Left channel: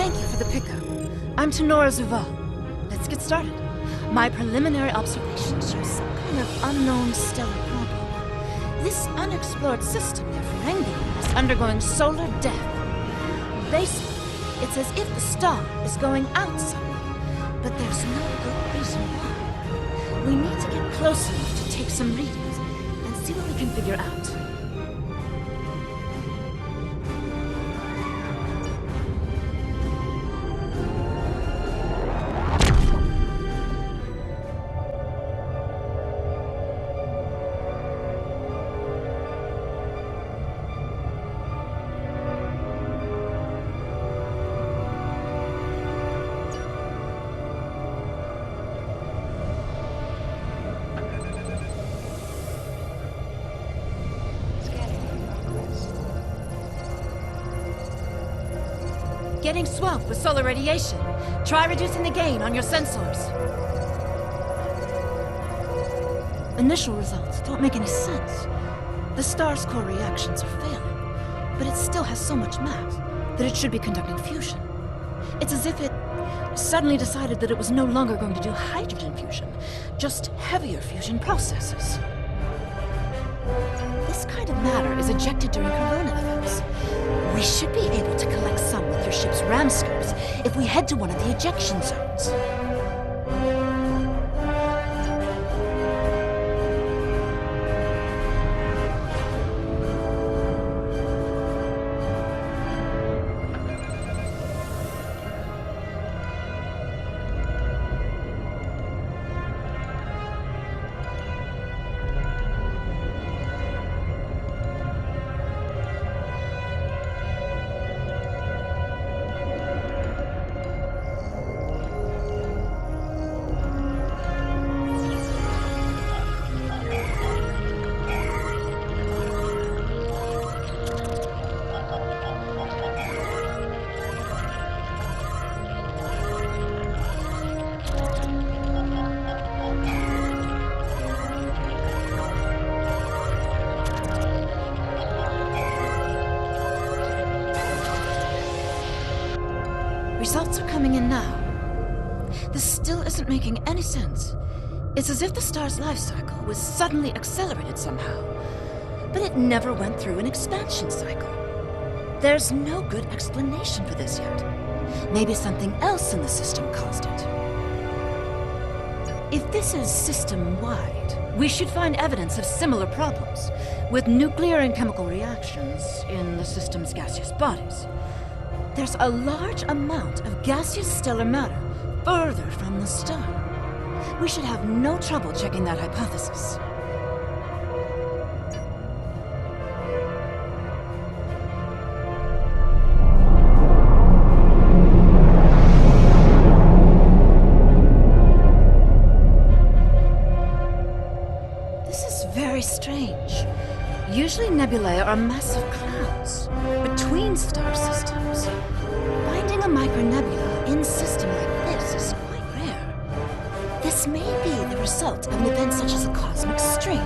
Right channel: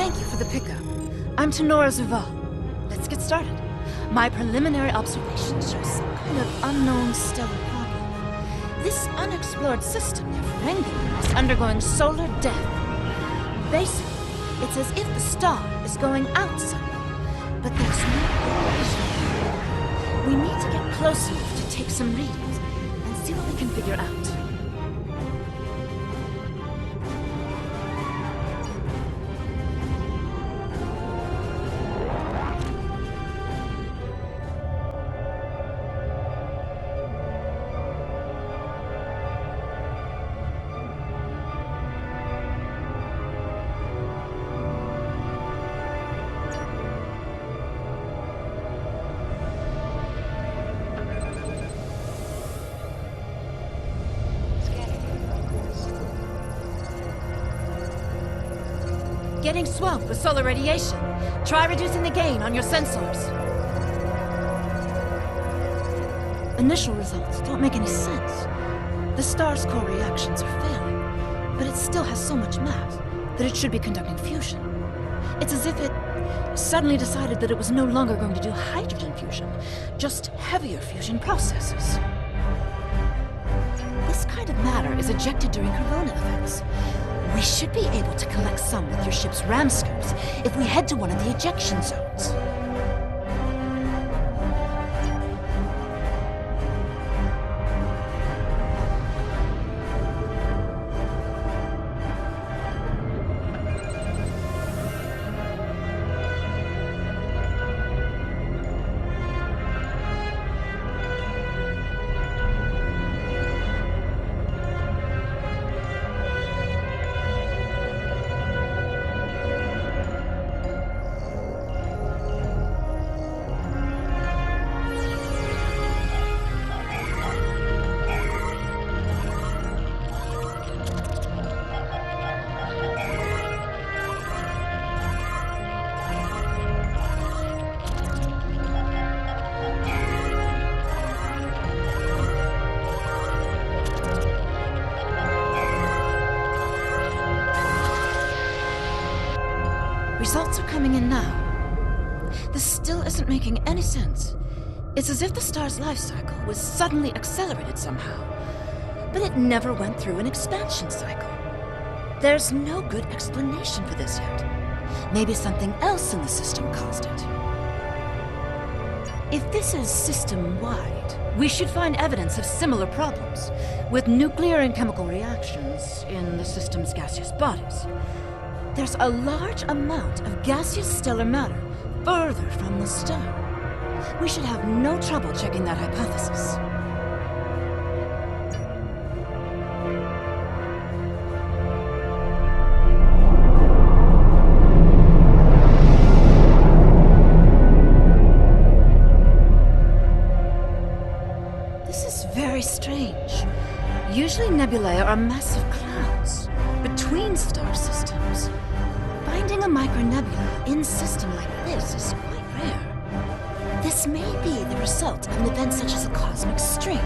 Thank you for the pickup. I'm Tenora Zuval. Let's get started. My preliminary observations show some kind of unknown stellar problem. This unexplored system near Ferenginar is undergoing solar death. Basically, it's as if the star is going out suddenly, but there's no good reason why. We need to get close enough to take some readings and see what we can figure out. Getting swamped with solar radiation. Try reducing the gain on your sensors. Initial results don't make any sense. The star's core reactions are failing, but it still has so much mass that it should be conducting fusion. It's as if it suddenly decided that it was no longer going to do hydrogen fusion, just heavier fusion processes. This kind of matter is ejected during corona events. We should be able to collect some with your ship's ram scopes if we head to one of the ejection zones. Results are coming in now. This still isn't making any sense. It's as if the star's life cycle was suddenly accelerated somehow, but it never went through an expansion cycle. There's no good explanation for this yet. Maybe something else in the system caused it. If this is system-wide, we should find evidence of similar problems, with nuclear and chemical reactions in the system's gaseous bodies. There's a large amount of gaseous stellar matter further from the star. We should have no trouble checking that hypothesis. This is very strange. Usually nebulae are massive clouds between star systems. Finding a micronebula in system like this is quite rare. This may be the result of an event such as a cosmic stream,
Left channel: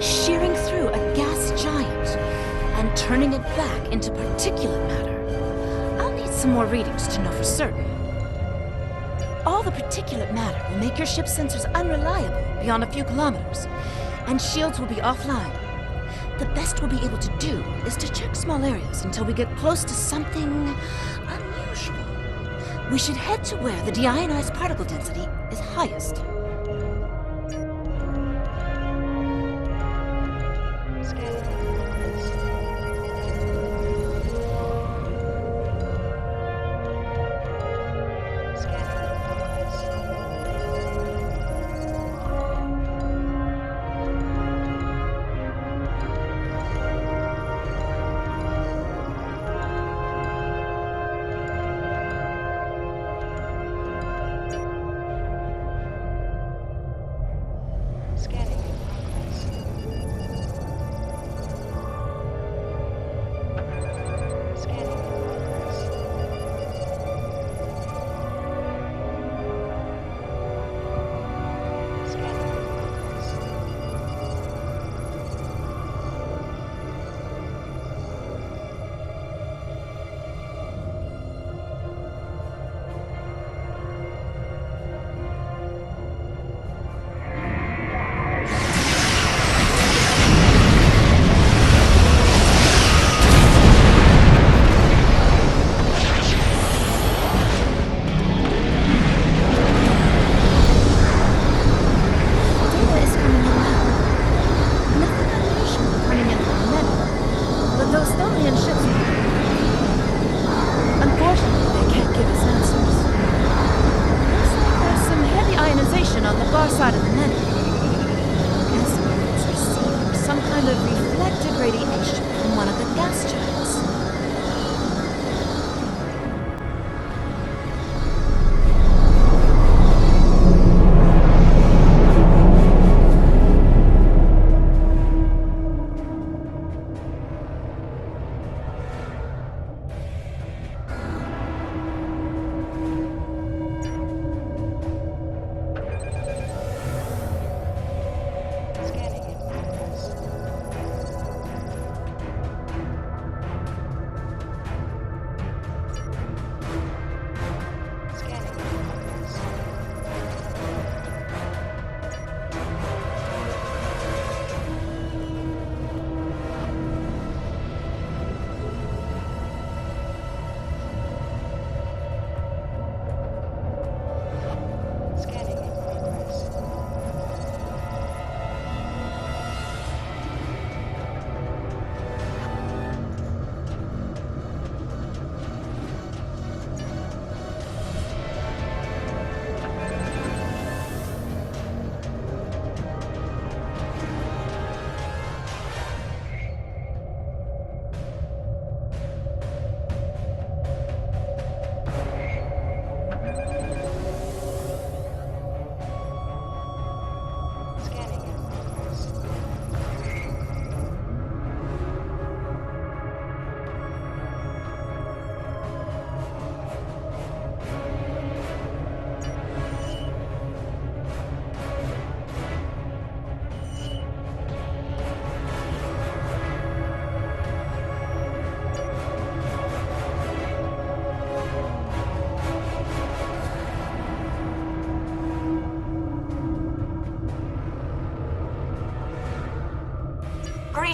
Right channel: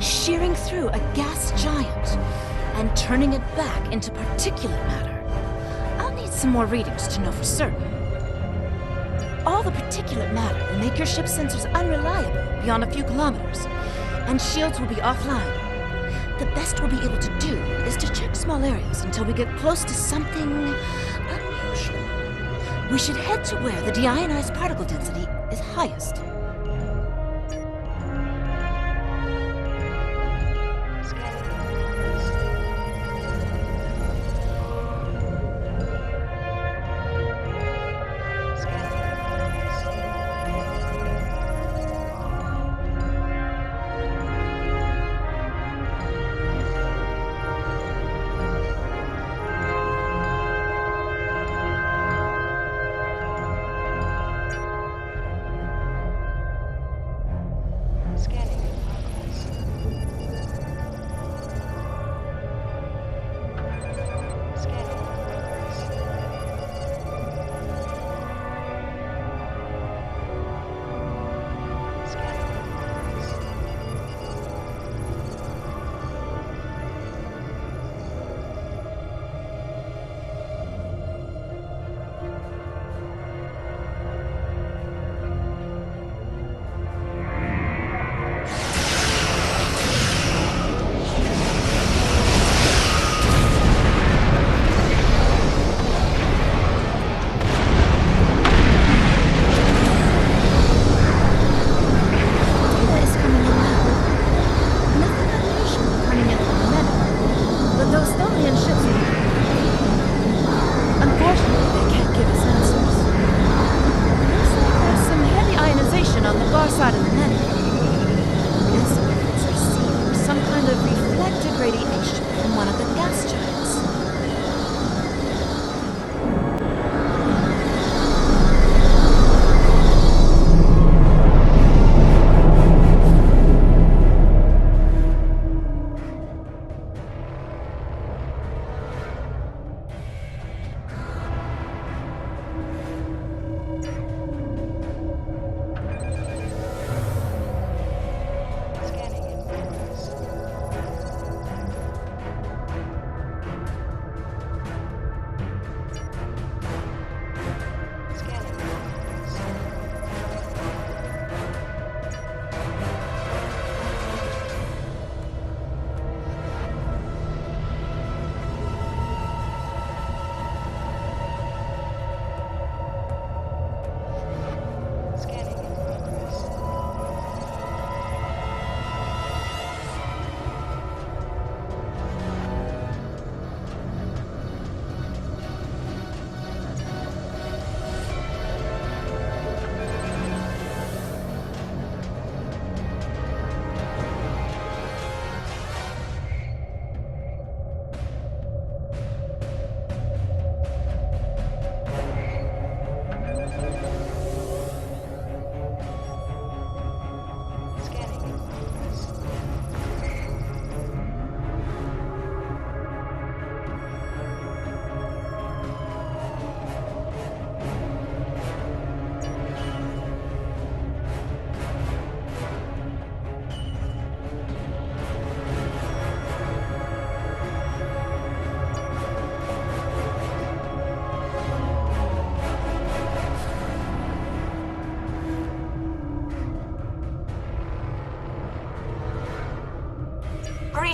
shearing through a gas giant and turning it back into particulate matter. I'll need some more readings to know for certain. All the particulate matter will make your ship's sensors unreliable beyond a few kilometers, and shields will be offline. The best we'll be able to do is to check small areas until we get close to something unusual. We should head to where the deionized particle density is highest.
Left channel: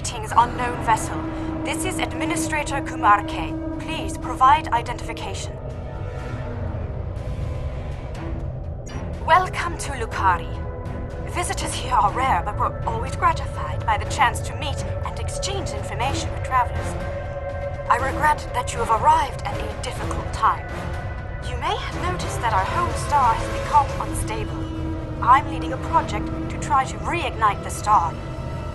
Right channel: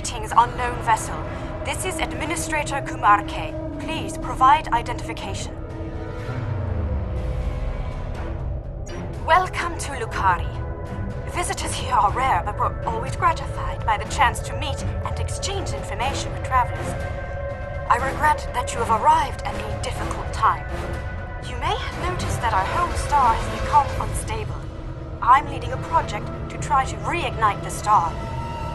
Greetings, unknown vessel. This is Administrator Kumar K. Please provide identification. Welcome to Lukari. Visitors here are rare, but we're always gratified by the chance to meet and exchange information with travelers. I regret that you have arrived at a difficult time. You may have noticed that our home star has become unstable. I'm leading a project to try to reignite the star.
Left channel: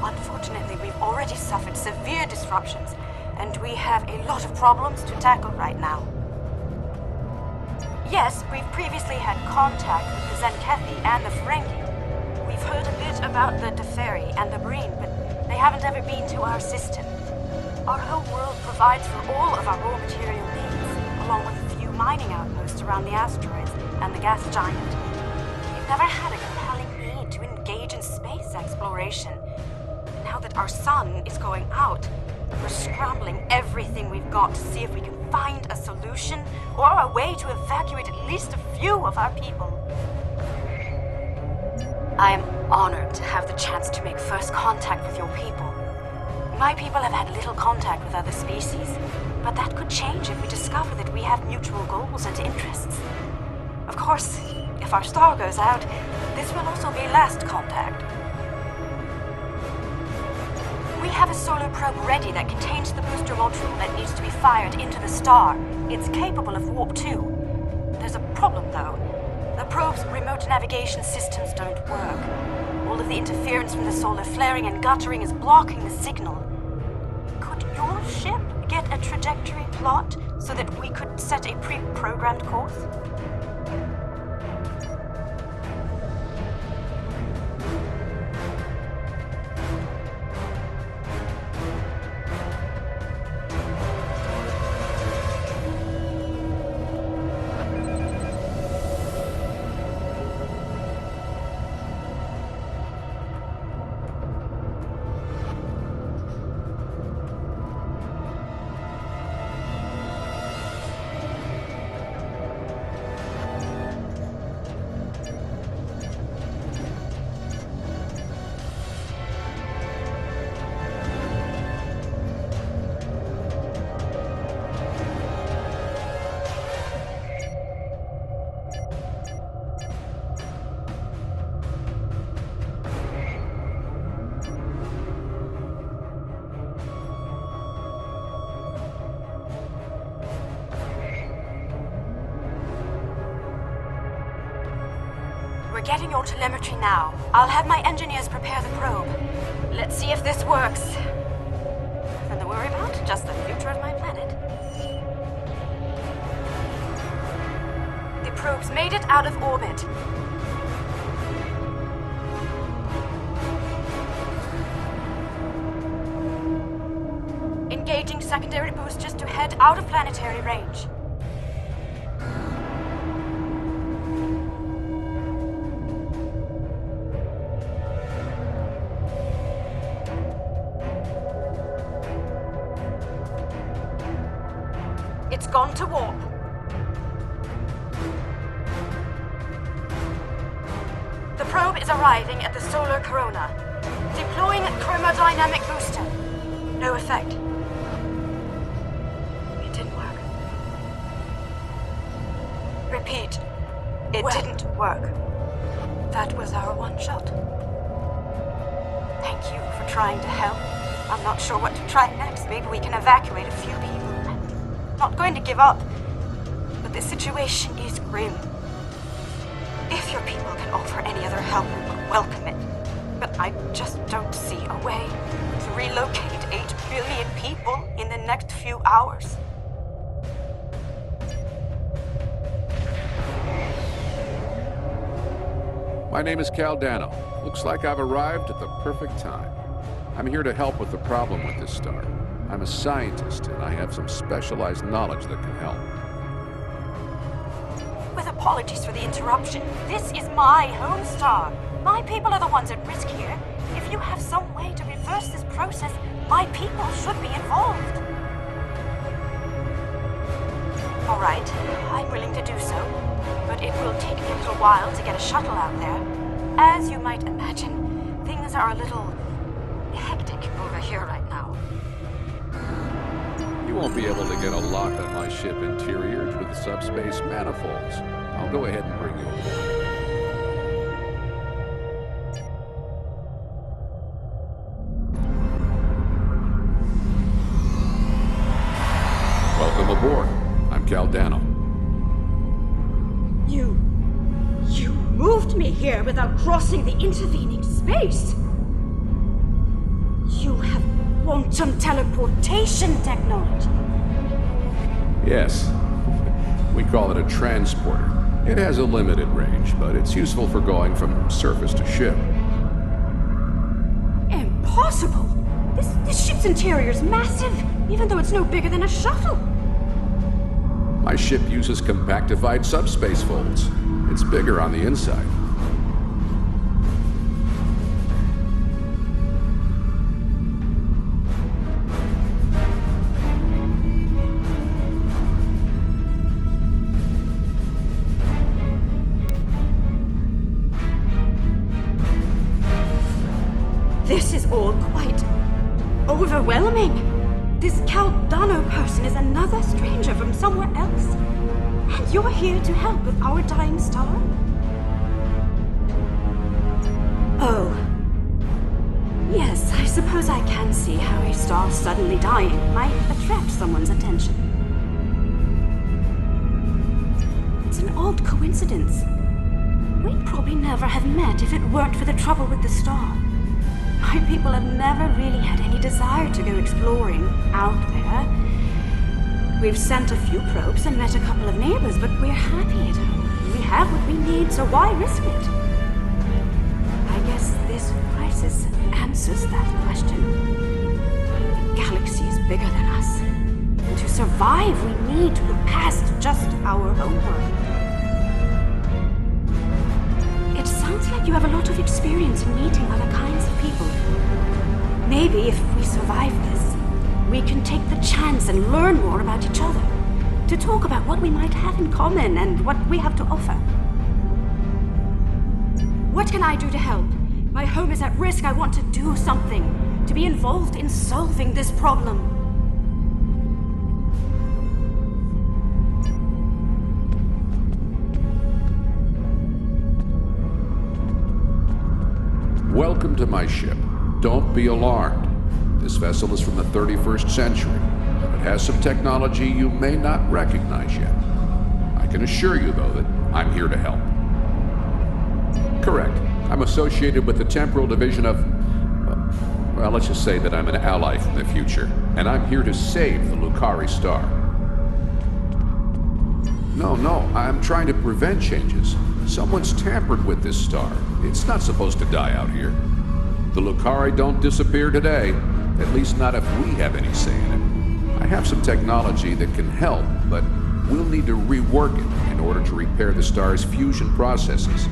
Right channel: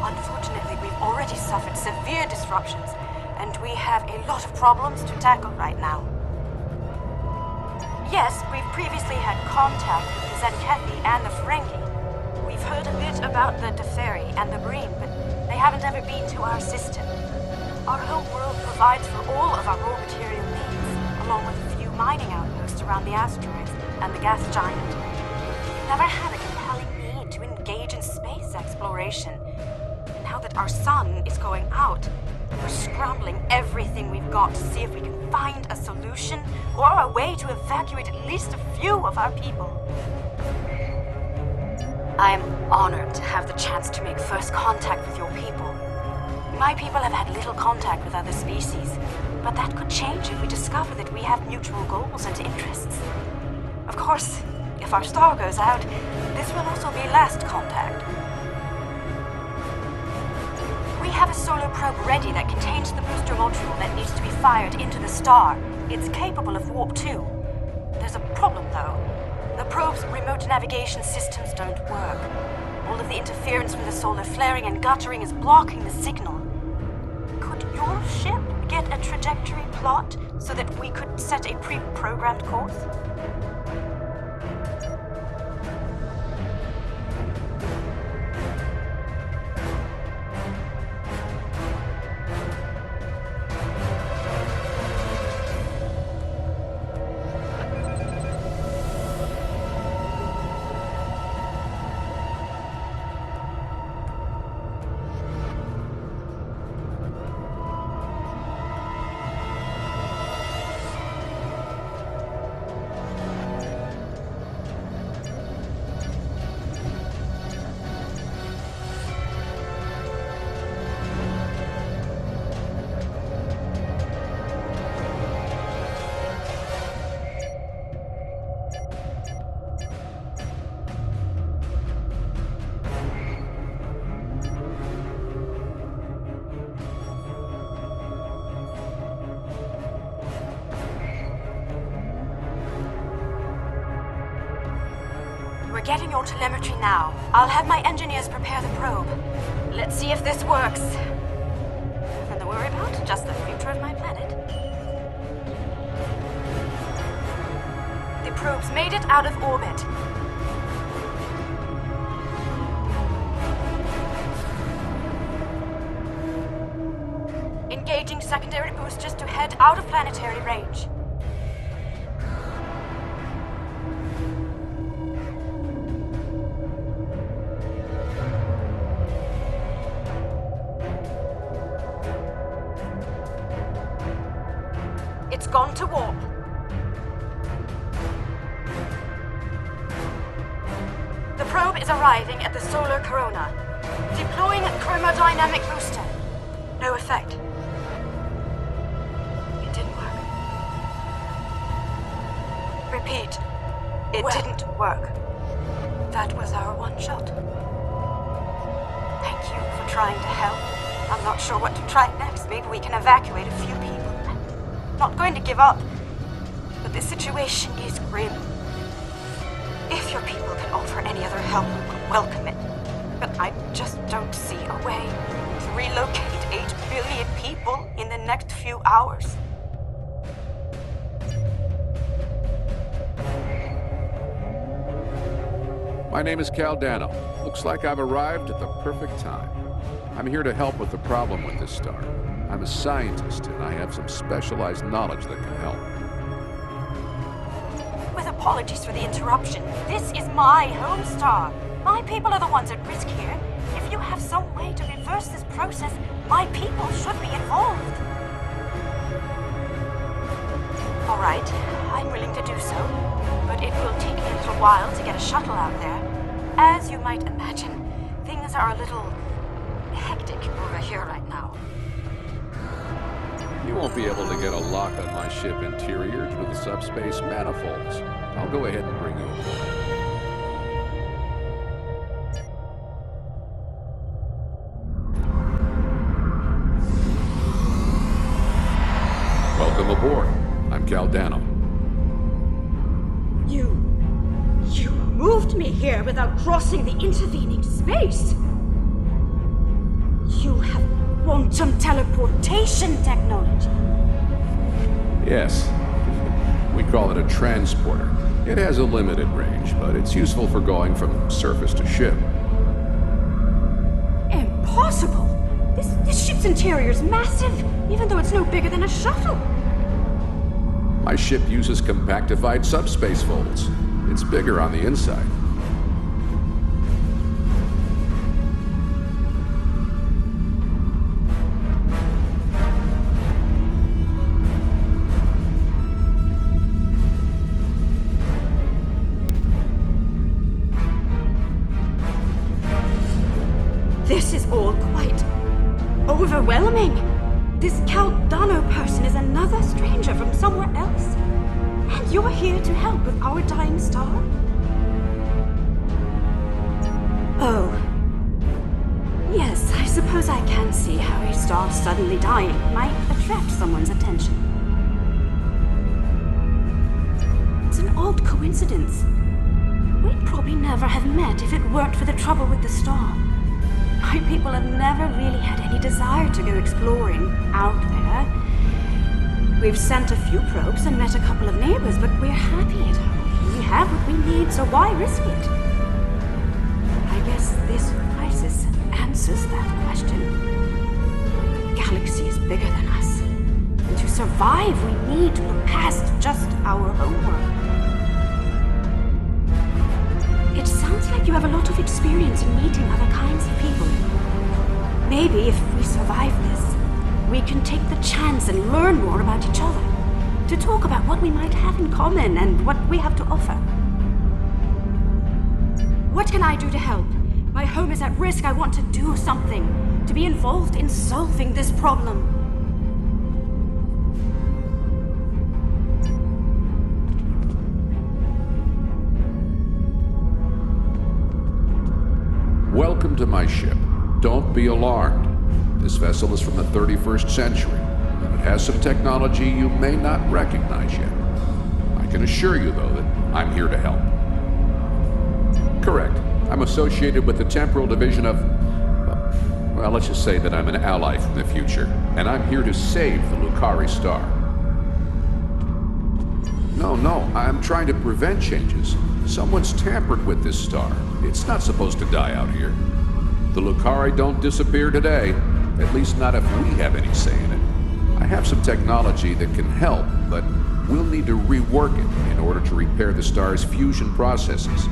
Unfortunately, we've already suffered severe disruptions, and we have a lot of problems to tackle right now. Yes, we've previously had contact with the Zenkethi and the Ferengi. We've heard a bit about the Teferi and the Breen, but they haven't ever been to our system. Our home world provides for all of our raw material needs, along with a few mining outposts around the asteroids and the gas giant. We've never had a compelling need to engage in space exploration. And now that our sun is going out, we're scrambling everything we've got to see if we can find a solution or a way to evacuate at least a few of our people. I am honored to have the chance to make first contact with your people. My people have had little contact with other species, but that could change if we discover that we have mutual goals and interests. Of course, if our star goes out, this will also be last contact. We have a solar probe ready that contains the booster module that needs to be fired into the star. It's capable of warp 2. There's a problem, though. The probe's remote navigation systems don't work. All of the interference from the solar flaring and guttering is blocking the signal. Could your ship get a trajectory plot so that we could set a pre-programmed course? We're getting your telemetry now. I'll have my engineers prepare the probe. Let's see if this works. Nothing to worry about, just the future of my planet. The probe's made it out of orbit. Engaging secondary boosters to head out of planetary range. It's gone to warp. The probe is arriving at the solar corona. Deploying chromodynamic booster. No effect. It didn't work. Repeat. It didn't work. That was our one shot. Thank you for trying to help. I'm not sure what to try next. Maybe we can evacuate a few people. Not going to give up, but the situation is grim. If your people can offer any other help, we will welcome it. But I just don't see a way to relocate 8 billion people in the next few hours. My name is Caldano. Looks like I've arrived at the perfect time. I'm here to help with the problem with this star. I'm a scientist, and I have some specialized knowledge that can help. With apologies for the interruption, this is my home star. My people are the ones at risk here. If you have some way to reverse this process, my people should be involved. All right, I'm willing to do so, but it will take me a little while to get a shuttle out there. As you might imagine, things are a little hectic over here right now. You won't be able to get a lock on my ship interior due to the subspace manifolds. I'll go ahead and bring you aboard. Welcome aboard. I'm Caldano. You moved me here without crossing the intervening space. You have quantum teleportation technology. Yes. We call it a transporter. It has a limited range, but it's useful for going from surface to ship. Impossible! This ship's interior is massive, even though it's no bigger than a shuttle. My ship uses compactified subspace folds. It's bigger on the inside. This is all quite overwhelming. This Caldano person is another stranger from somewhere else. And you're here to help with our dying star? Oh. Yes, I suppose I can see how a star suddenly dying might attract someone's attention. It's an odd coincidence. We'd probably never have met if it weren't for the trouble with the star. My people have never really had any desire to go exploring out there. We've sent a few probes and met a couple of neighbors, but we're happy at home. We have what we need, so why risk it? I guess this crisis answers that question. The galaxy is bigger than us. And to survive, we need to look past just our home world. It sounds like you have a lot of experience in meeting other kinds of people. Maybe if we survive this, we can take the chance and learn more about each other. To talk about what we might have in common and what we have to offer. What can I do to help? My home is at risk. I want to do something. To be involved in solving this problem. Welcome to my ship. Don't be alarmed. This vessel is from the 31st century, and it has some technology you may not recognize yet. I can assure you, though, that I'm here to help. Correct. I'm associated with the temporal division of... well, let's just say that I'm an ally from the future, and I'm here to save the Lucari star. No, I'm trying to prevent changes. Someone's tampered with this star. It's not supposed to die out here. The Lucari don't disappear today, at least not if we have any say in it. I have some technology that can help, but we'll need to rework it in order to repair the star's fusion processes.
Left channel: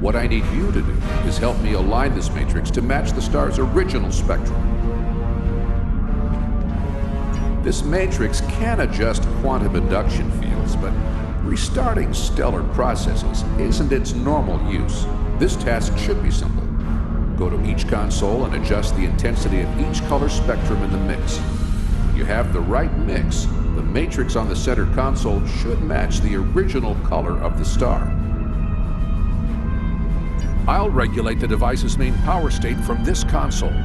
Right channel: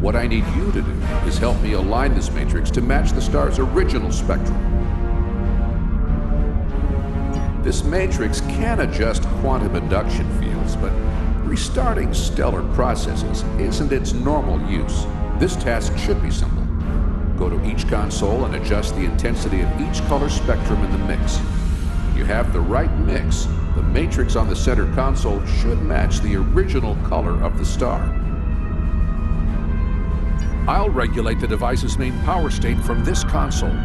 What I need you to do is help me align this matrix to match the star's original spectrum. This matrix can adjust quantum induction fields, but restarting stellar processes isn't its normal use. This task should be simple. Go to each console and adjust the intensity of each color spectrum in the mix. When you have the right mix, the matrix on the center console should match the original color of the star. I'll regulate the device's main power state from this console.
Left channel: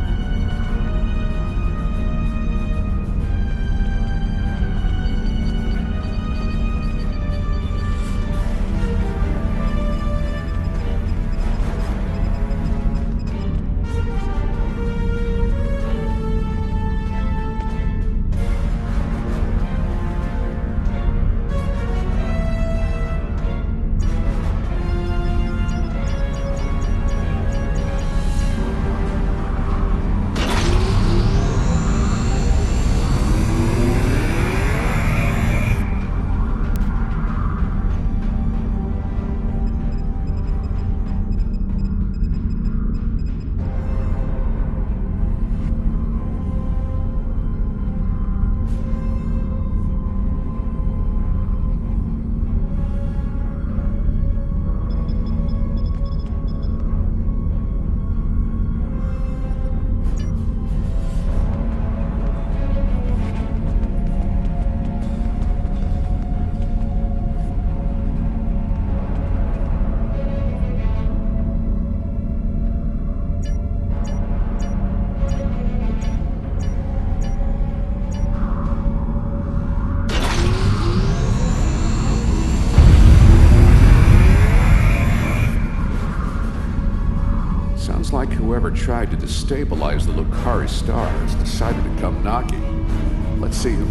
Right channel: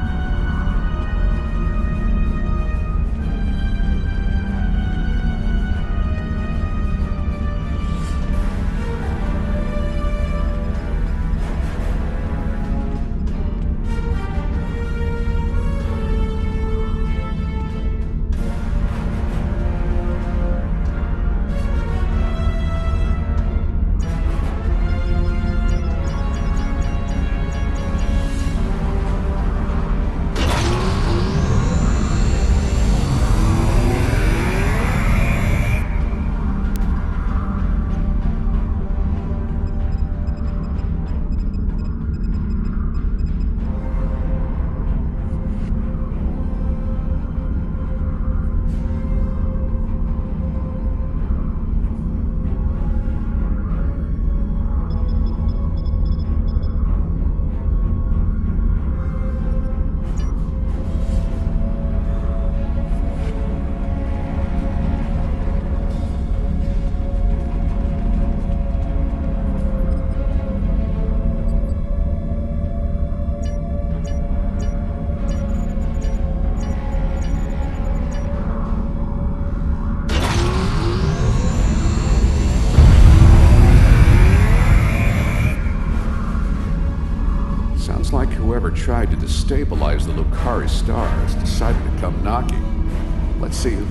whoever tried to destabilize the Lucari stars decided to come knocking. Let's see who...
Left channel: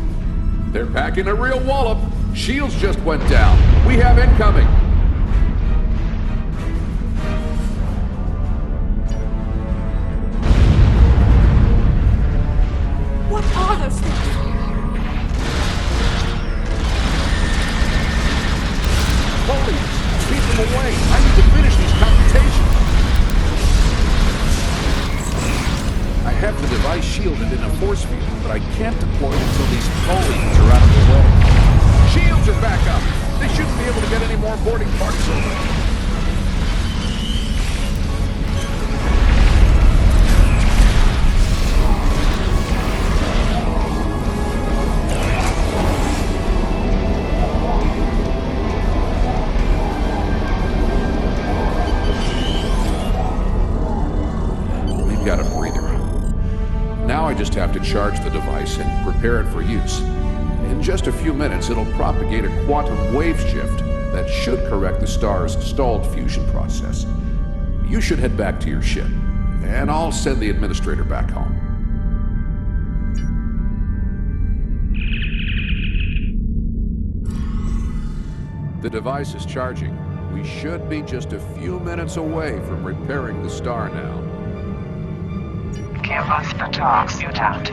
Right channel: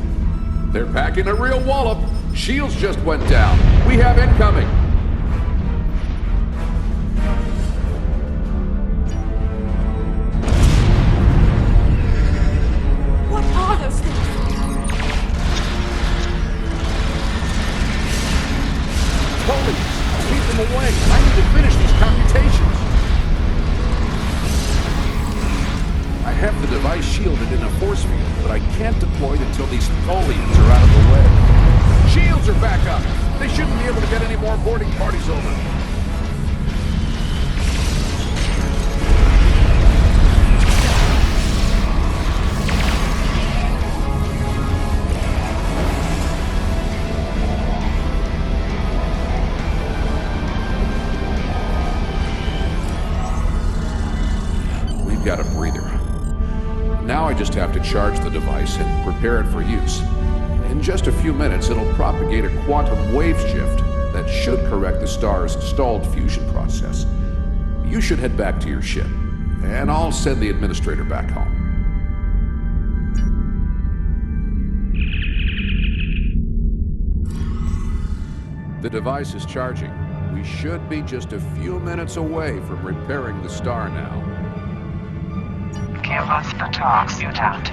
They're packing a real wallop! Shields just went down! We have incoming! What are those things? Holy! Keep them away! I need to finish these computations! I have the device shielded in a force field, but I can't deploy it until these folians are out of the way. Shields are back up! They shouldn't be able to get any more boarding parties over. We've got a breather. Now I just have to charge the device and prepare it for use. In just a few minutes, it'll propagate a quantum wave shift that should correct the star's stalled fusion process. You should head back to your ship, and I'll send the administrator back home. The device is charging. We should be just a few minutes away from repairing the star now. Give us the talk, mutant.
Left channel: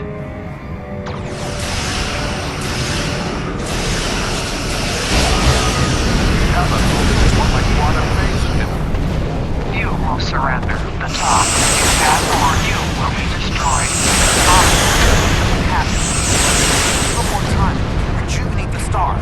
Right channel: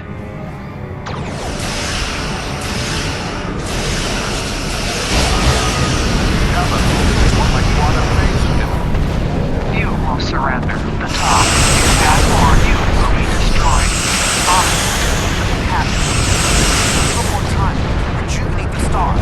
You will surrender the top. That or you will be destroyed. One more time. Rejuvenate the star.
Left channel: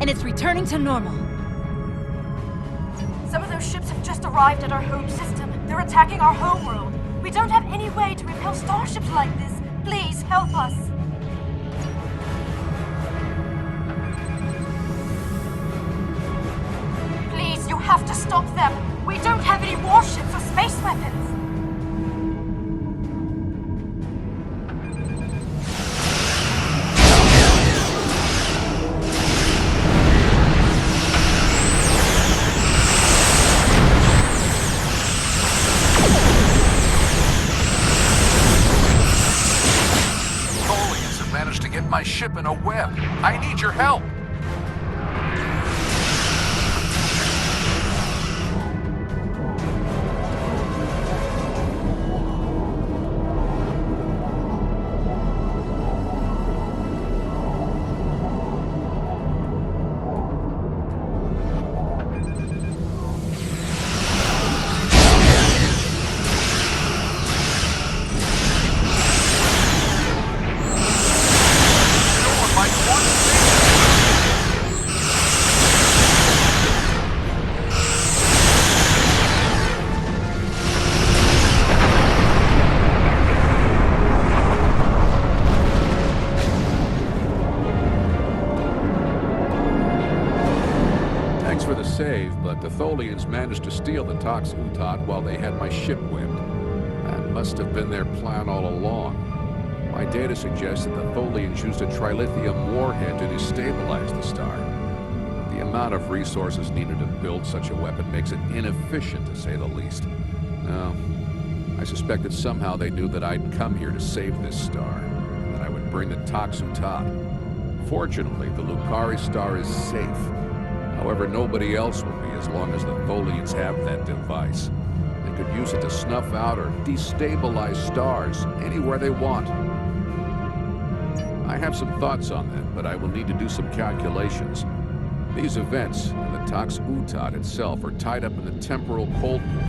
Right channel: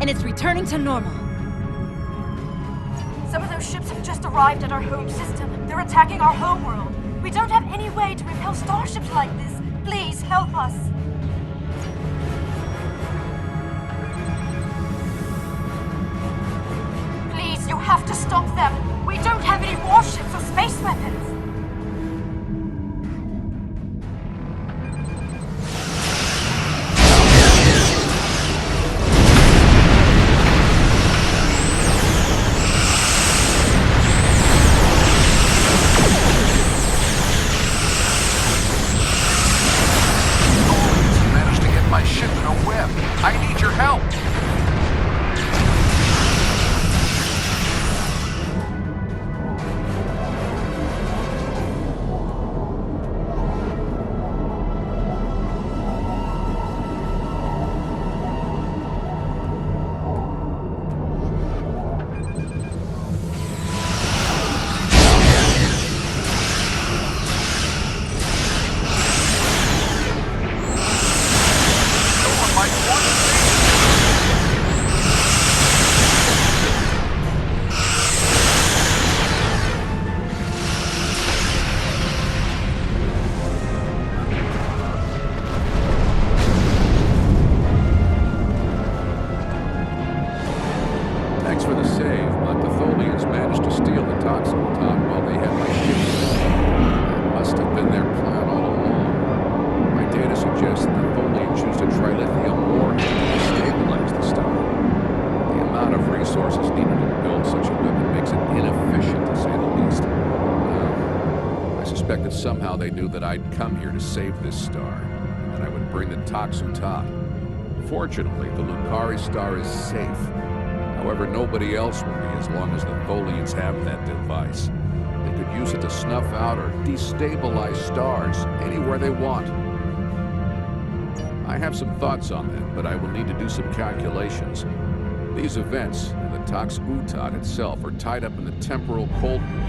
And it's returning to normal. Some of those ships have just arrived at our home system. They're attacking our homeworld. We don't have any way to repel starships like this. Please, help us. Please, you have to stop them. We don't have any warships or space weapons. help! Thanks for the save, but the Tholians managed to steal the Toxin-Tot while they had my ship with. That must have been their plan all along. My data suggests that the Tholians used a Trilithium warhead to destabilize the star. The amount of resources needed to build such a weapon makes it inefficient, to say the least. Now, I suspect that somehow they knew that I'd come here to save this star, and that I would bring the Toxin-Tot. Fortunately, the Lucari star is safe. However, nobody else will be as long as the Tholians have that device. They could use it to snuff out or destabilize stars anywhere they want. I have some thoughts on that, but I will need to do some calculations. These events and the Tox-Utot itself are tied up in the temporal Cold War.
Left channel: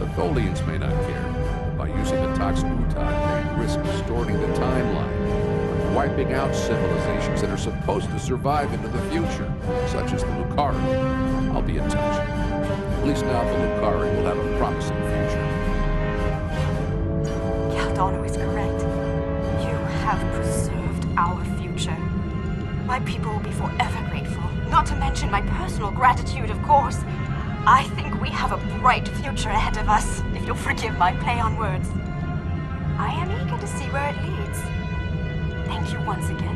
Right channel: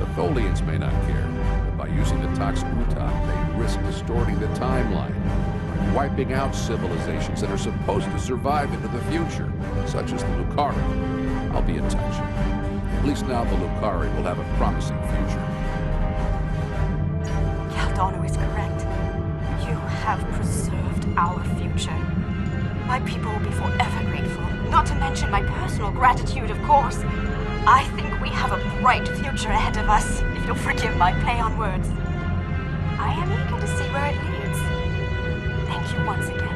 The Tholians may not care, but by using the Tox-Utot, they risk distorting the timeline, wiping out civilizations that are supposed to survive into the future, such as the Lucari. I'll be in touch. At least now the Lucari will have a promising future. Caldano is correct. You have preserved our future. My people will be forever grateful, not to mention my personal gratitude, of course. I think we have a bright future ahead of us, if you'll forgive my play on words. I am eager to see where it leads. Thank you once again.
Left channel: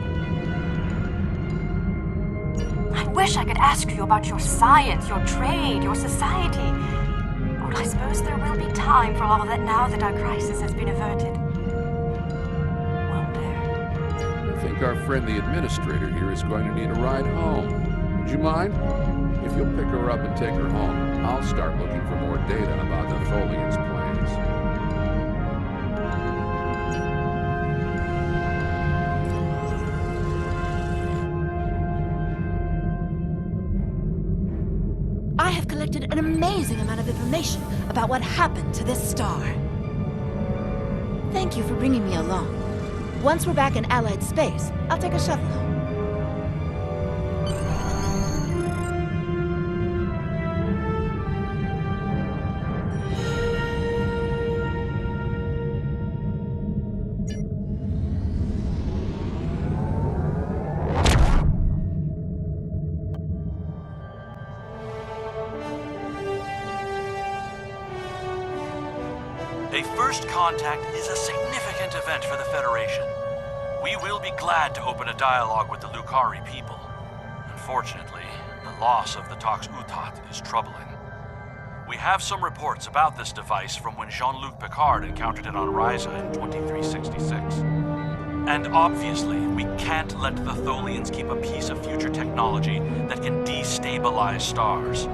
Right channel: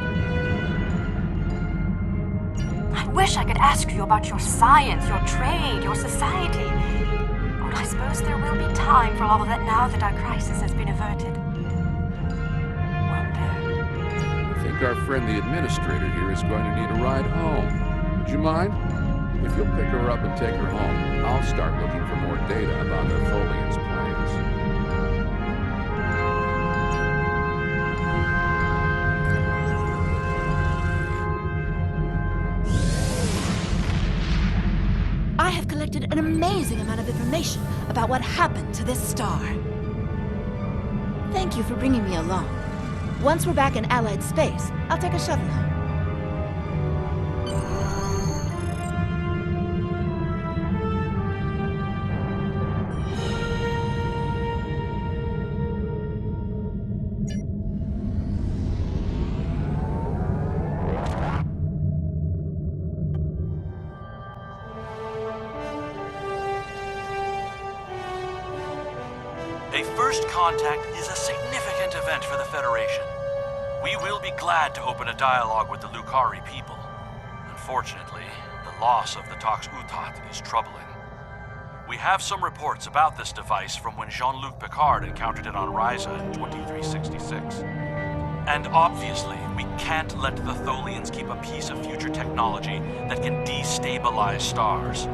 I wish I could ask you about your science, your trade, your society. But I suppose there will be time for all of that now that our crisis has been averted. Won't there? I think our friend the administrator here is going to need a ride home. Would you mind? If you'll pick her up and take her home, I'll start looking for more data about the Tholians' plans. I have collected an amazing amount of information about what happened to this star. Thank you for bringing me along. Once we're back in Allied space, I'll take a shuttle home. A first contact is a significant event for the Federation. We will be glad to open a dialogue with the Lucari people. Unfortunately, the loss of the Tox-Utot is troubling. We have some reports about this device from when Jean-Luc Picard encountered it on Ryza in 2366. And obviously, we can't let the Tholians keep a piece of future technology that can destabilize stars.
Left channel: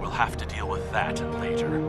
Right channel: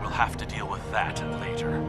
We'll have to deal with that later.